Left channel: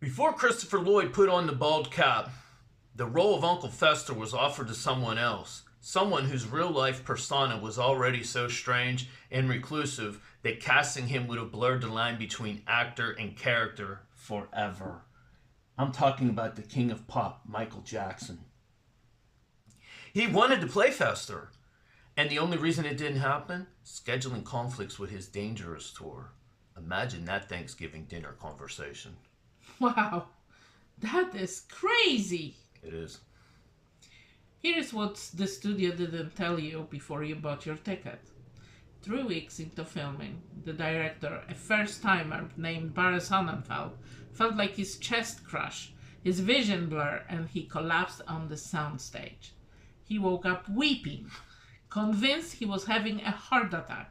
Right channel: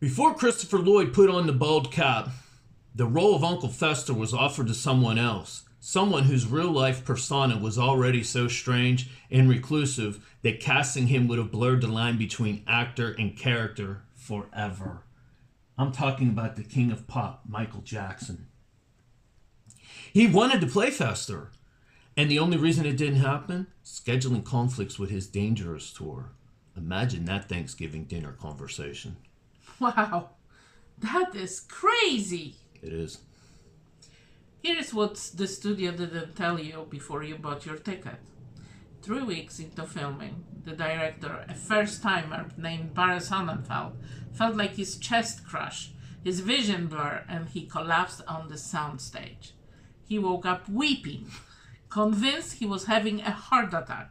Before Christopher Lloyd put on the bald cap, the role of Uncle Fester was offered to someone else, someone whose real-life persona was already so strange and reclusive that casting him would have blurred the line between actor and character forever. I'm talking about the king of pop, Michael Jackson. He wanted to play Fester, and the only reason it didn't happen? Scheduling conflicts with his Dangerous tour. Imagine that Thanksgiving dinner conversation. Wow, that is crazy. It is. Here's what the studio didn't tell you before you bought your ticket. 3 weeks into filming, the director, a first-timer named Barry Sonnenfeld, felt like his chest crushed, his vision blurred, and he collapsed on the soundstage. He woke up weeping, convinced he was having a heart attack.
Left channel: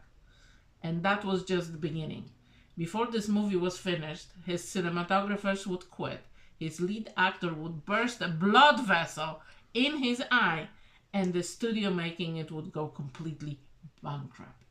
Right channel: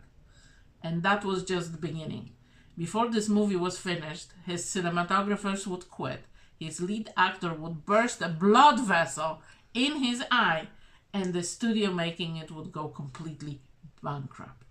And that was just the beginning. Before this movie was finished, his cinematographers would quit, his lead actor would burst a blood vessel in his eye, and the studio making it would go completely bankrupt.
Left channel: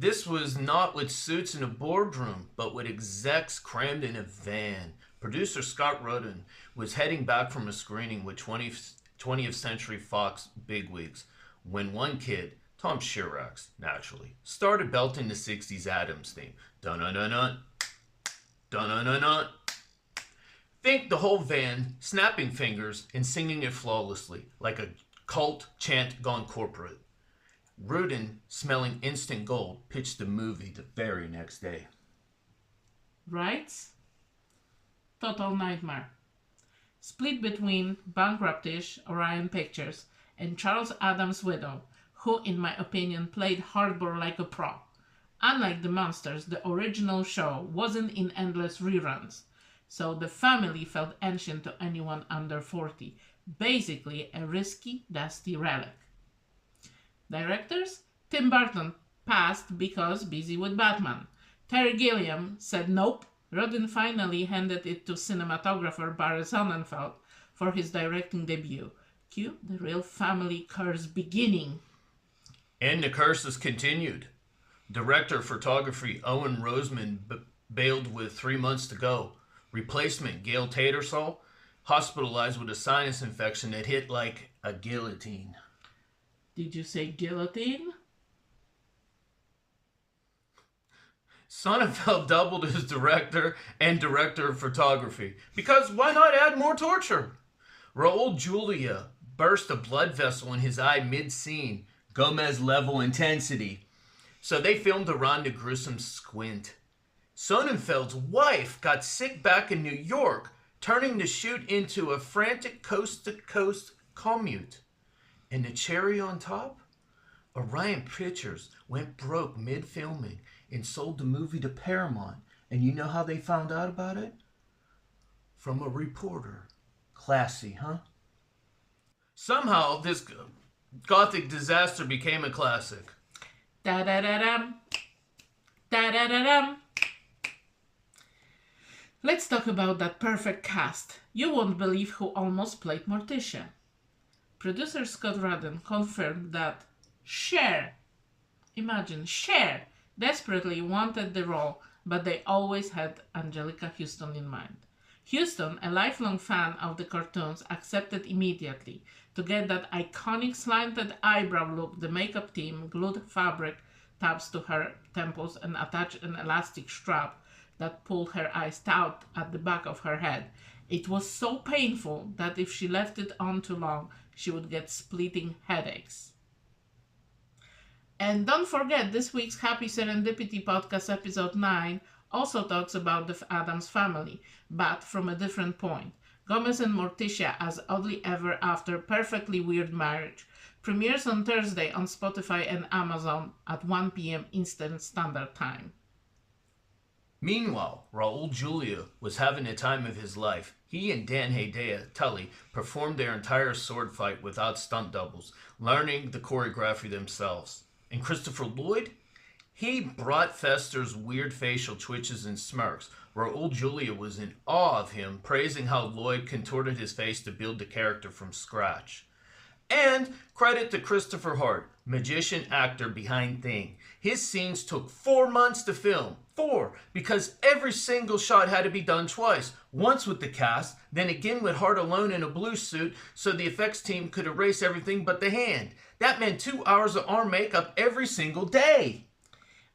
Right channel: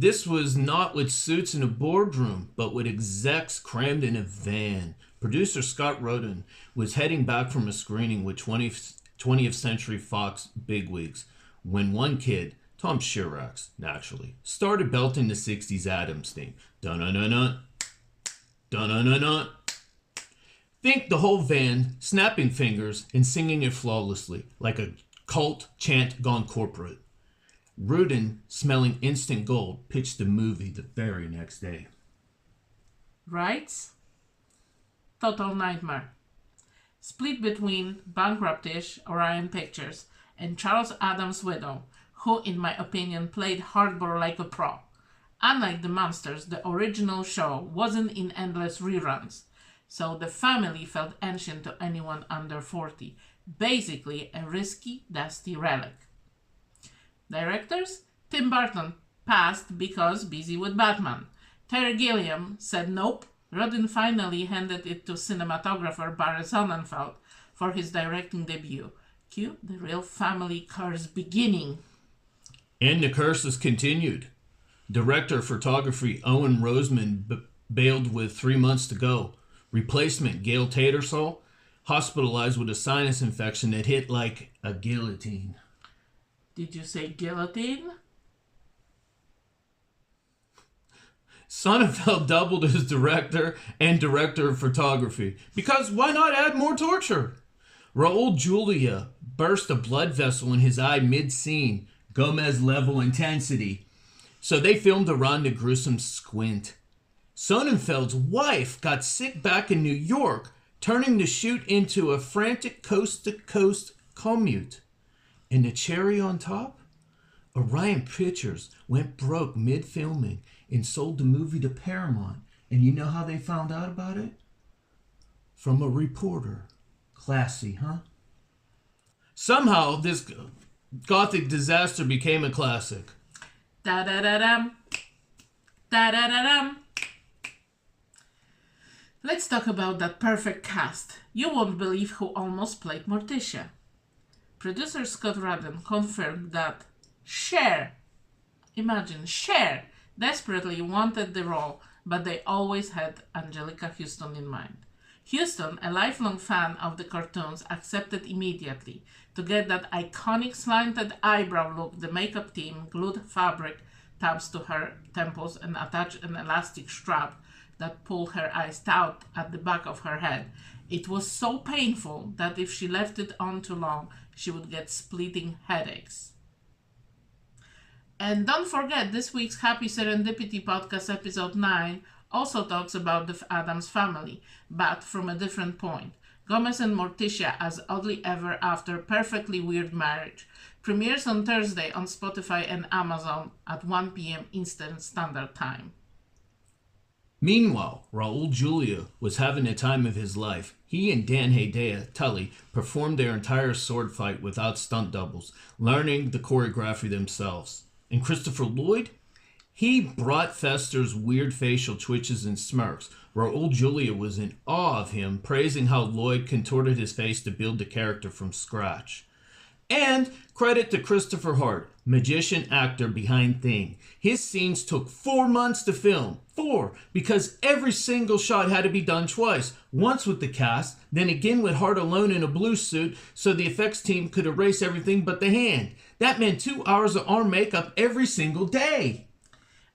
This was not with suits in a boardroom, but with execs crammed in a van. Producer Scott Rudin was heading back from a screening with 20th Century Fox bigwigs when one kid, Tom Shirax, naturally, started belting the 60s Addams theme. Dun-dun-dun-dun, dun-dun-dun-dun. Think the whole van snapping fingers and singing it flawlessly, like a cult chant gone corporate. Rudin, smelling instant gold, pitched the movie the very next day. Rights? Total nightmare. Split between bankruptish Orion Pictures and Charles Addams' widow, who, in my opinion, played hardball like a pro. Unlike The Monsters, the original show wasn't in endless reruns, so the family felt ancient to anyone under 40. Basically, a risky, dusty relic. Directors? Tim Burton passed because busy with Batman. Terry Gilliam said nope. Rodin finally handed it to cinematographer Barry Sonnenfeld for his directing debut. Cue the real family curse beginning. And the curses continued. Director of photography Owen Roseman bailed with 3 months to go. Replacement Gail Tattersall hospitalized with a sinus infection that hit like a guillotine. Did you say guillotine? Sonnenfeld doubled as director and director of photography. Because why not add more torture? Raul Julia burst a blood vessel in his eye mid-scene. Gomez level intensity. So they filmed around the gruesome squint. Sonnenfeld's wife got sick back in New York, turning the shoot into a frantic coast-to-coast commute. And the cherry on top? Orion Pictures went broke mid-filming and sold the movie to Paramount. And you know how they found out about it? From a reporter. Classy, huh? Somehow, this gothic disaster became a classic. Da-da-da-dum. Da-da-da-dum. Let's talk about that perfect cast. You won't believe who almost played Morticia. Producer Scott Rudin confirmed that Cher, imagine, Cher, desperately wanted the role, but they always had Angelica Houston in mind. Houston, a lifelong fan of the cartoons, accepted immediately. To get that iconic slanted eyebrow look, the makeup team glued fabric tabs to her temples and attached an elastic strap that pulled her eyes out at the back of her head. It was so painful that if she left it on too long, she would get splitting headaches. And don't forget, this week's Happy Serendipity podcast, episode 9, also talks about the Addams Family, but from a different point. Gomez and Morticia as Oddly Ever After Perfectly Weird Marriage premieres on Thursday on Spotify and Amazon at 1 p.m. Eastern Standard Time. Meanwhile, Raul Julia was having the time of his life. He and Dan Hedaya, Tully, performed their entire sword fight without stunt doubles, learning the choreography themselves. And Christopher Lloyd? He brought Fester's weird facial twitches and smirks. Raul Julia was in awe of him, praising how Lloyd contorted his face to build the character from scratch. And credit to Christopher Hart, magician actor behind Thing. His scenes took 4 months to film. 4, because every single shot had to be done twice. Once with the cast, then again with Hart alone in a blue suit so the effects team could erase everything but the hand. That meant 2 hours of arm makeup every single day.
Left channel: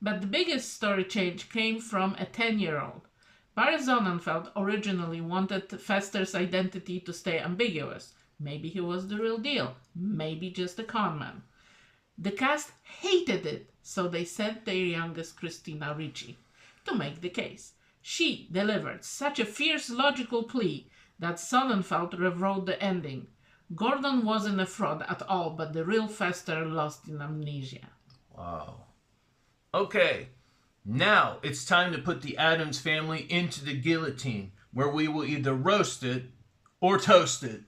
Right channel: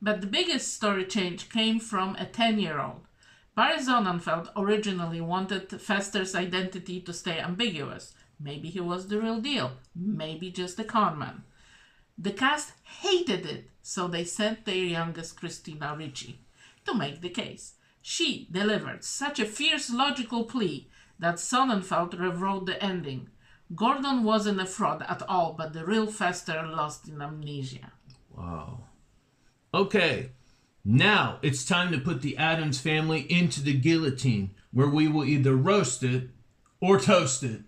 But the biggest story change came from a 10-year-old. Barry Sonnenfeld originally wanted Fester's identity to stay ambiguous. Maybe he was the real deal. Maybe just a con man. The cast hated it, so they sent their youngest Christina Ricci to make the case. She delivered such a fierce logical plea that Sonnenfeld rewrote the ending. Gordon wasn't a fraud at all, but the real Fester lost in amnesia. Wow. Okay, now it's time to put the Addams family into the guillotine, where we will either roast it or toast it.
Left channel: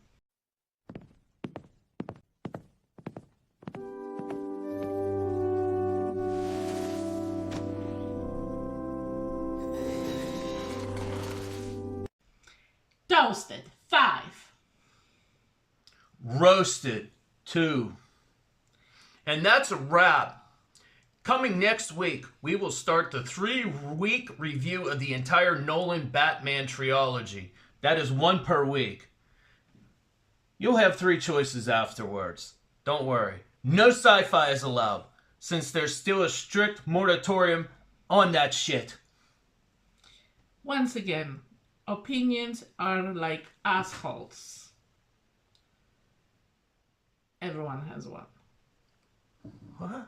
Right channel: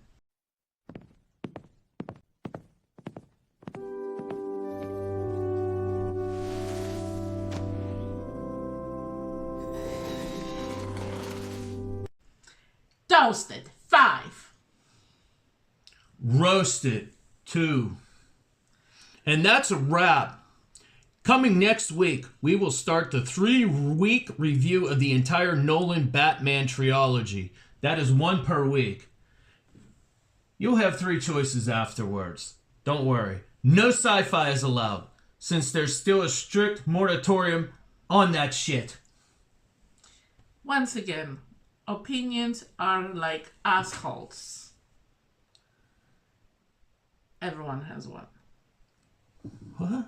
Toasted, 5. Roasted, 2. And that's a wrap. Coming next week, we will start the 3-week review of the entire Nolan Batman trilogy. That is 1 per week. You'll have 3 choices afterwards. Don't worry. No sci-fi is allowed, since there's still a strict moratorium on that shit. Once again, opinions are like assholes. Everyone has one. What?